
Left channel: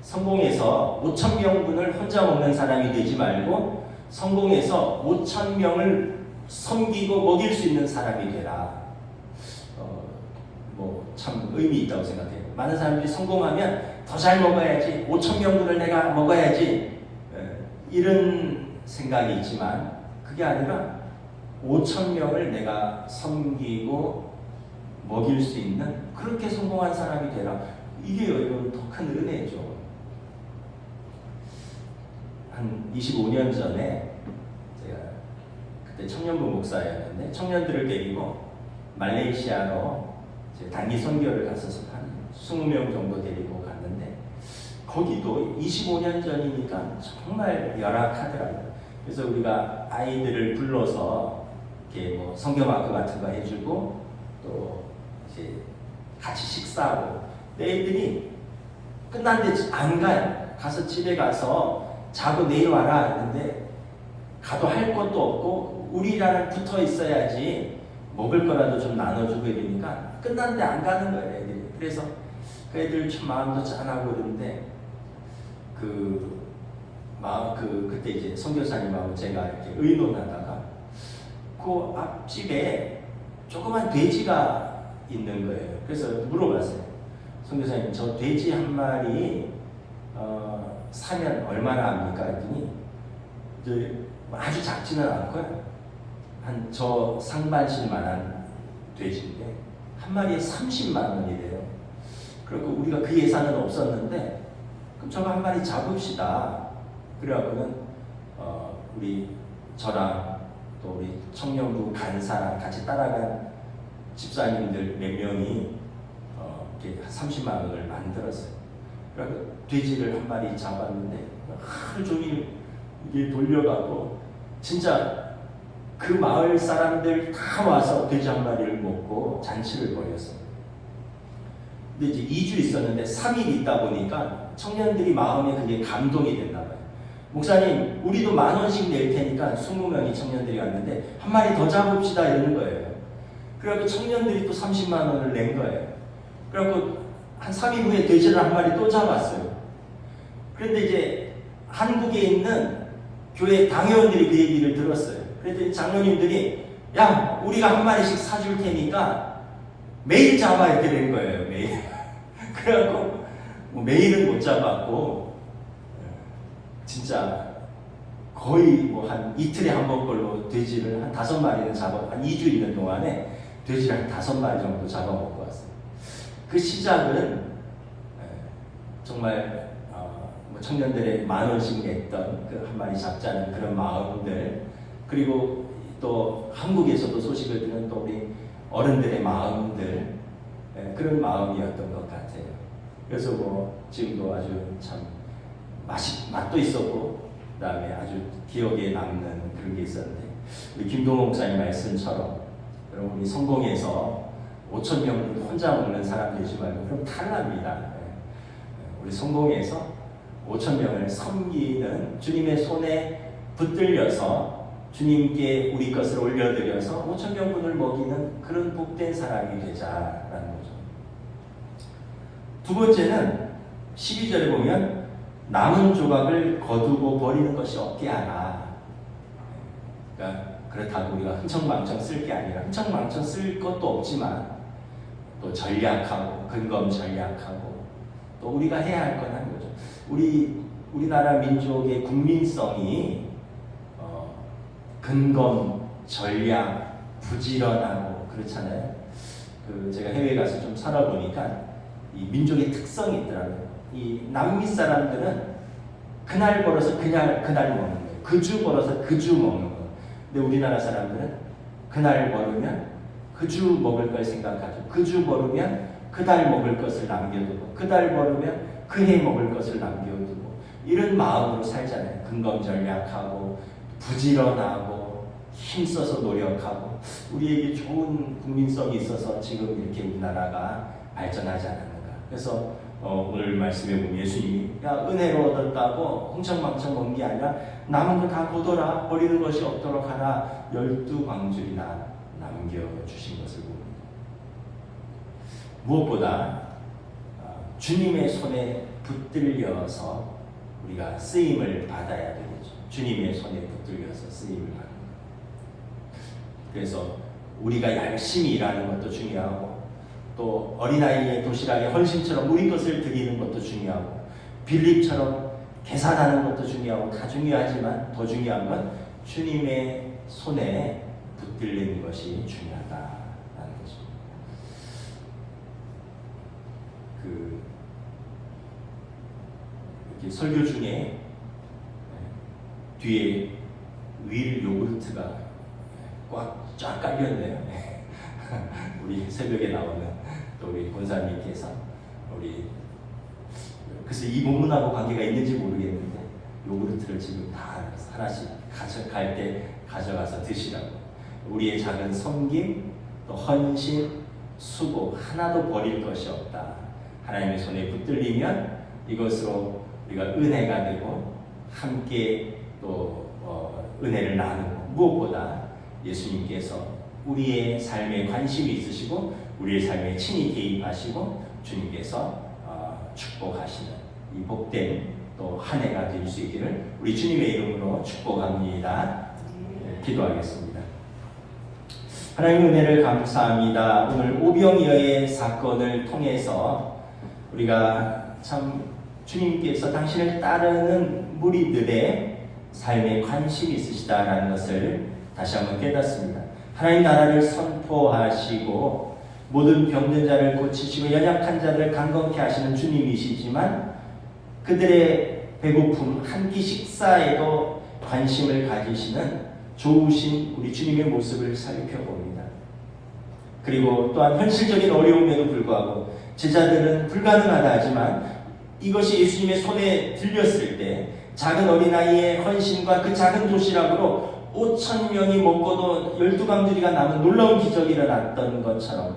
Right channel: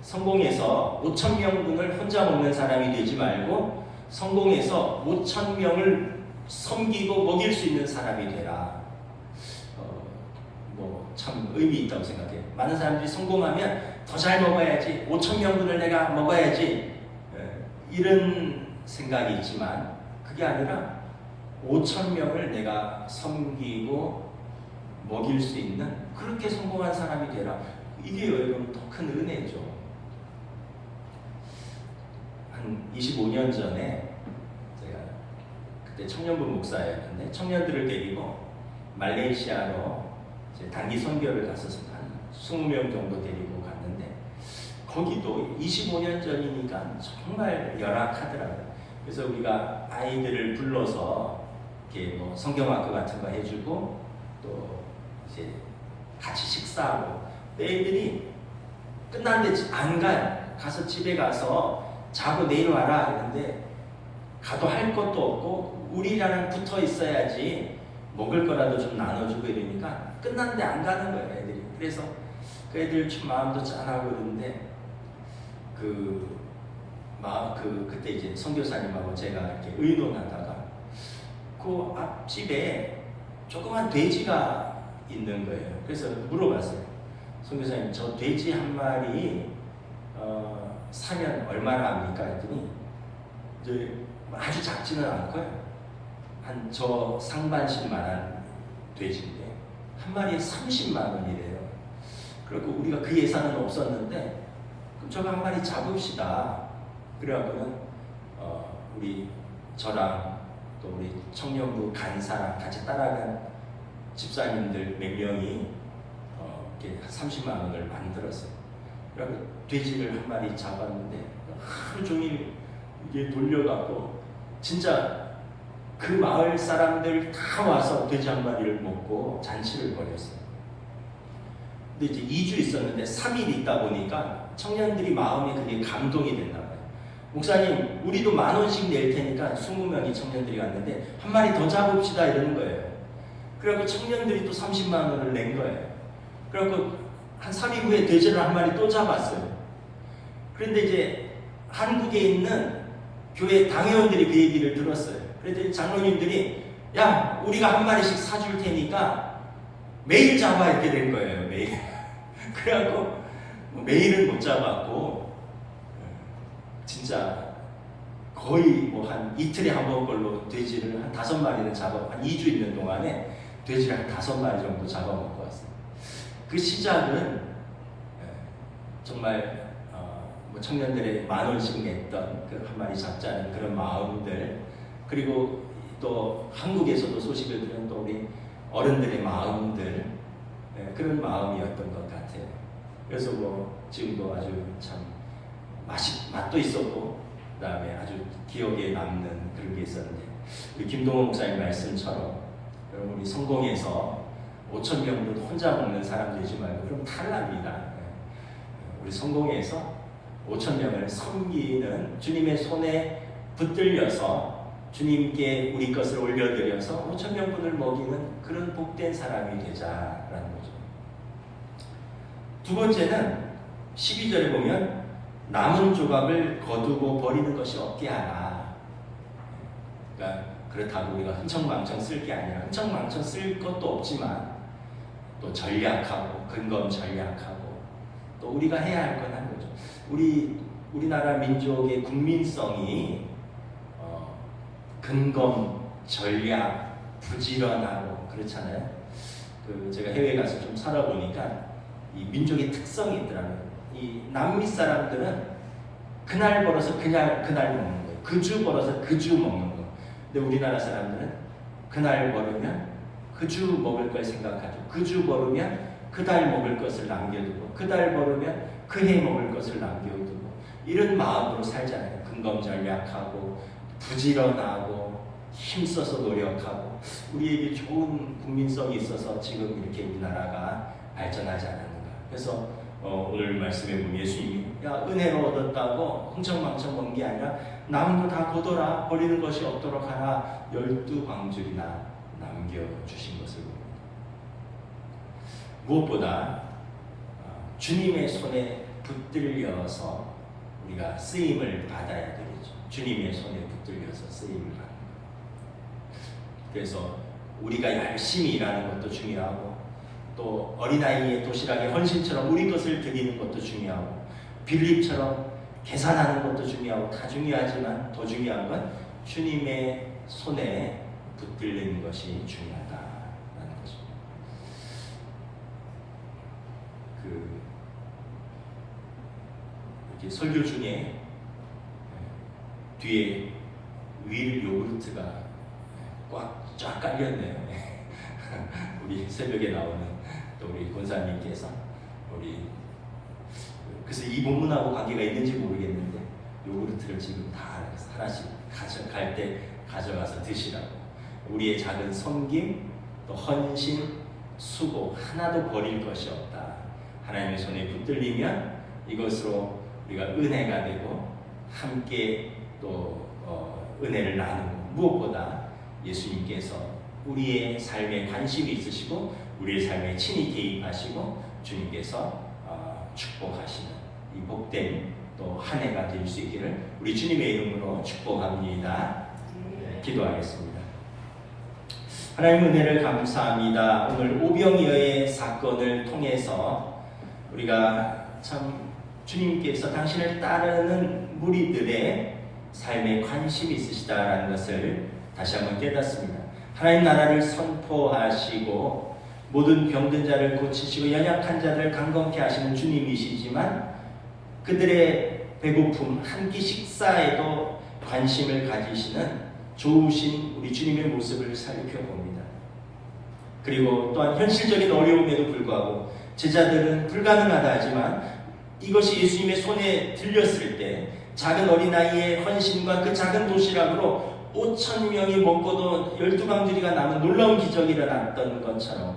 성공해서 5,000명분을 혼자 먹는 사람이 되지 말고 성공해서 5,000명을 섬기고 먹일 수 있는 사람이 되라. 참 의미 있다고 생각해요. 많은 사람들이 성공하면 더 잘 먹어야지, 5,000명분을 내가 먹어야지, 이런 생각이 있지만 그게 아니라 5,000명을 내가 섬기고 먹일 수 있는 그렇게 성공한 사람이 되라. 이게 여러분 더 큰 은혜죠. 한 25년 전에 제가 그때 청년부 목사였는데 청년들을 데리고 말레이시아로 단기 선교를 갔었습니다. 한 20명 정도 데리고 갔는데 거기도 25년 전이니까 정말 열악하더라고요. 그래서 우리가 아이들을 불러서 이렇게 뭐 성경학교 같은 거 해주고 또 이제 같이 식사하고, 애들이 끝났는데 안 가요. 가서 집에 가서 자고 내일 와라 했는데 가도 할 것도 없고 우리랑 붙어 있어야지 먹을 거라도 좀 나눠주고 이러니까 끝났는데 안 가는 거예요, 애들이. 그래서 그 애들 참 마음도 짠하고 그러는데 그때 이제 선교사님하고 제가 이렇게 의논하다가 그 앞집에 조그만 돼지가 있는 거예요. 그래서 물어봤어요. 선교사님, 저 돼지 한 마리 사면 얼마나 합니까? 했더니 아주 작지는 않고요. 한 저 상반신만한 돼지인데 한 마리에 30만 원이래요. 그리고 우리가 그 예산은 없었는데 그럼 저거 한 마리 잡읍시다. 그래갖고는 우리 저랑 또 우리 청년부 간사랑 같이 따라간 집사님들 몇 명이 이렇게 30만 원을 만들었어요. 그래서 돼지를 한 마리 잡았는데 하루 종일 이게 돌려갖고 진짜 그 마을 사람들 다 와서 돼지 한 마리를 먹고 잔치를 벌였어요. 근데 이제 2주 있었는데 3일 있다 보니까 청년들이 마음에 그게 감동이 됐나 봐요. 목사님, 우리도 10,000원씩 낼 테니까 20명이 청년들이 왔는데 한 마리 더 잡읍시다 이러는 거예요. 그래갖고 청년들이 또 30만 원을 낸 거예요. 그래갖고 한 3일 후에 돼지를 한 마리 또 잡았어요. 그런데 이제 한국에 있는 교회 당회원들이 그 얘기를 들었어요. 그랬더니 장로님들이 야, 우리가 한 마리씩 사줄 테니까 매일 잡아야 되는 거예요. 매일. 그래갖고 매일은 못 잡았고 진짜 거의 뭐 한 이틀에 한 번 걸로 돼지를 한 5마리는 한 2주 있는 동안에 돼지를 한 5마리 정도 잡아먹고 왔어요. 그 시작은 정말 뭐 청년들의 10,000원씩 냈던 그 한 마리 잡자는 그런 마음들, 그리고 또 한국에서도 소식을 들은 또 우리 어른들의 마음들, 그런 마음이었던 것 같아요. 그래서 뭐 지금도 아주 참 맛도 있었고 그다음에 아주 기억에 남는 그런 게 있었는데, 우리 김동호 목사님 말씀처럼 여러분 우리 성공해서 5,000명도 혼자 먹는 사람 되지 말고 그럼 탈납니다. 우리 성공해서 5,000명을 섬기는 주님의 손에 붙들려서 주님께 우리 것을 올려드려서 5,000명분을 먹이는 그런 복된 사람이 되자라는 거죠. 두 번째는 12절에 보면 남은 조각을 거두고 버리는 것이 없게 하라. 그러니까 그렇다고 우리가 흥청망청 쓸 게 아니라 흥청망청 쓸 것도 없지만 또 전략하고 근검 전략하고 또 우리가 해야 할 건 한 거죠. 우리나라 민족의 국민성이 근검, 전략, 부지런하고 그렇잖아요. 제가 해외에 가서 좀 살아보니까 이 민족의 특성이 있더라고요. 이 남미 사람들은 그날 벌어서 그날 먹는 거예요. 그 주 벌어서 그 주 먹는 거예요. 근데 우리나라 사람들은 그날 벌으면 그 주 먹을 걸 생각하죠. 그 주 벌으면 그 달 먹을 것을 남겨두고, 그 달 벌으면 그 해 먹을 것을 남겨두고, 이런 마음으로 살잖아요. 근검전략하고 부지런하고 힘써서 노력하고, 우리에게 좋은 국민성이 있어서 지금 이렇게 우리나라가 발전하지 않았는가. 그래서 오늘 말씀에 보면 예수님이 야, 은혜로 얻었다고 흥청망청 먹은 게 아니라 남은 거 다 거둬라, 버리는 것이 없도록 하라, 12광줄이나 남겨주신 것을 봅니다. 무엇보다 주님의 손에 붙들려서 우리가 쓰임을 받아야 되겠죠. 주님의 손에 붙들려서 쓰임을 받는 것. 그래서 우리가 열심히 일하는 것도 중요하고, 또 어린아이의 도시락에 헌신처럼 우리 것을 드리는 것도 중요하고, 빌립처럼 계산하는 것도 중요하고, 다 중요하지만 더 중요한 건 주님의 손에 붙들리는 것이 중요하다라는 것입니다. 이렇게 설교 중에 뒤에 윌 요구르트가 꽉 깔렸네요. 우리 새벽에 나오는 또 우리 권사님께서 그래서 이 본문하고 관계가 있는지 모르겠는데 요구르트를 지금 다 하나씩 가져갈 때 가져가서 드시라고. 우리의 작은 섬김, 또 헌신, 수고 하나도 버릴 것이 없다. 하나님의 손에 붙들리면 이것으로 우리가 은혜가 되고 함께 또 은혜를 나누고, 무엇보다 예수님께서 우리의 삶에 관심이 있으시고 우리의 삶에 친히 개입하시고 주님께서 축복하시는 이 복된 또 한 해가 될 수 있기를 우리 주님의 이름으로 축복합니다. 기도하겠습니다. 하나님 은혜를 감사합니다. 오늘 오병이어의 사건을 통해서 우리가 참 주님께서 당신을 따르는 무리들의 삶에 관심이 있으시다라는 것을 다시 한번 깨닫습니다. 하나님 나라를 선포하시고 모든 병든 자를 고치시고 연약한 자를 강건케 하시는 주님이시지만 그들의 배고픔 한 끼 식사에도 관심을 가지시는 좋으신 우리 주님의 모습을 살펴봅니다. 그리고 또한 현실적인 어려움에도 불구하고 제자들은 불가능하다 하지만 이것이 예수님의 손에 들렸을 때 작은 어린아이의 헌신과 그 작은 도시락으로 5천 명이 먹고도 12강주리가 남은 놀라운 기적이 일어났던 것처럼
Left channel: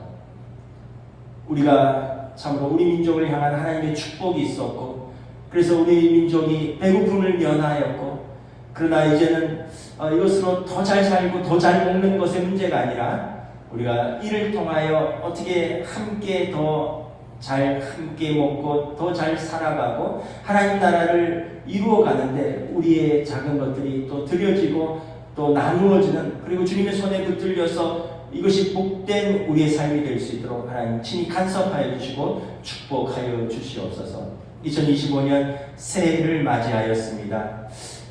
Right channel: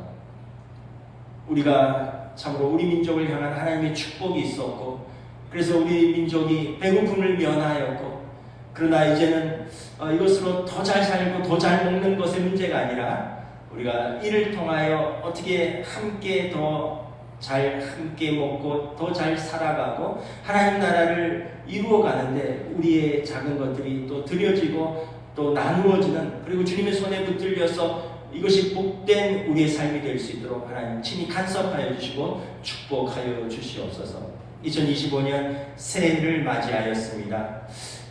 우리가 참으로 우리 민족을 향한 하나님의 축복이 있었고, 그래서 우리 민족이 배고픔을 면하였고, 그러나 이제는 이것으로 더 잘 살고 더 잘 먹는 것의 문제가 아니라 우리가 이를 통하여 어떻게 함께 더 잘 함께 먹고 더 잘 살아가고 하나님 나라를 이루어가는데 우리의 작은 것들이 또 드려지고 또 나누어지는, 그리고 주님의 손에 붙들려서 이것이 복된 우리의 삶이 될 수 있도록 하나님 친히 간섭하여 주시고 축복하여 주시옵소서. 2025년 새해를 맞이하였습니다.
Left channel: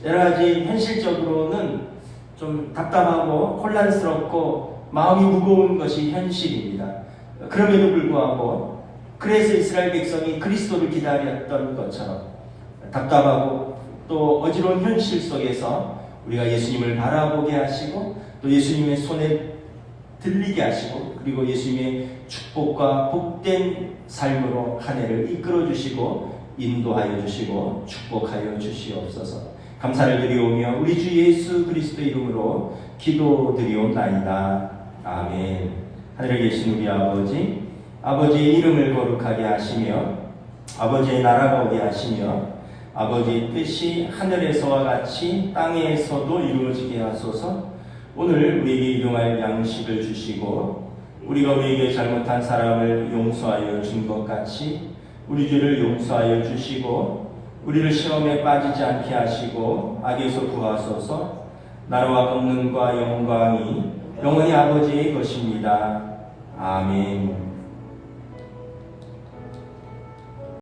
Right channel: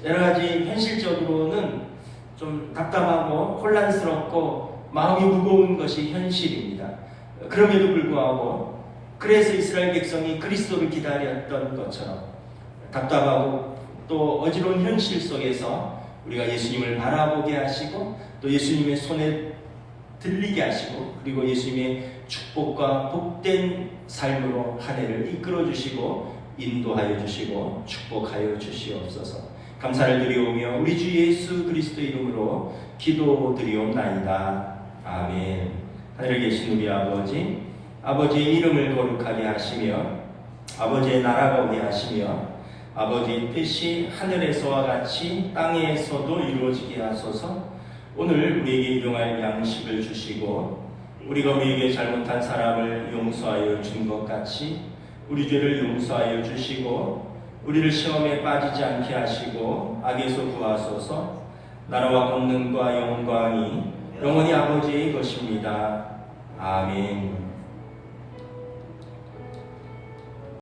여러 가지 현실적으로는 좀 답답하고 혼란스럽고 마음이 무거운 것이 현실입니다. 그럼에도 불구하고 그래서 이스라엘 백성이 그리스도를 기다렸던 것처럼 답답하고 또 어지러운 현실 속에서 우리가 예수님을 바라보게 하시고 또 예수님의 손에 들리게 하시고 그리고 예수님의 축복과 복된 삶으로 한 해를 이끌어 주시고 인도하여 주시고 축복하여 주시옵소서. 감사를 드리오며 우리 주 예수 그리스도의 이름으로 기도드리옵나이다. 아멘. 하늘에 계신 우리 아버지, 아버지의 이름을 거룩하게 하시며 아버지의 나라가 오게 하시며 아버지의 뜻이 하늘에서와 같이 땅에서도 이루어지게 하소서. 오늘 우리에게 일용할 양식을 주시고 우리가 우리에게 잘못한 사람을 용서하여 준 것 같이 우리 죄를 용서하여 주시고 우리를 시험에 빠지지 않게 하시고 악에서 구하소서. 나라와 권능과 영광이 영원히 아버지의 것입니다. 아멘.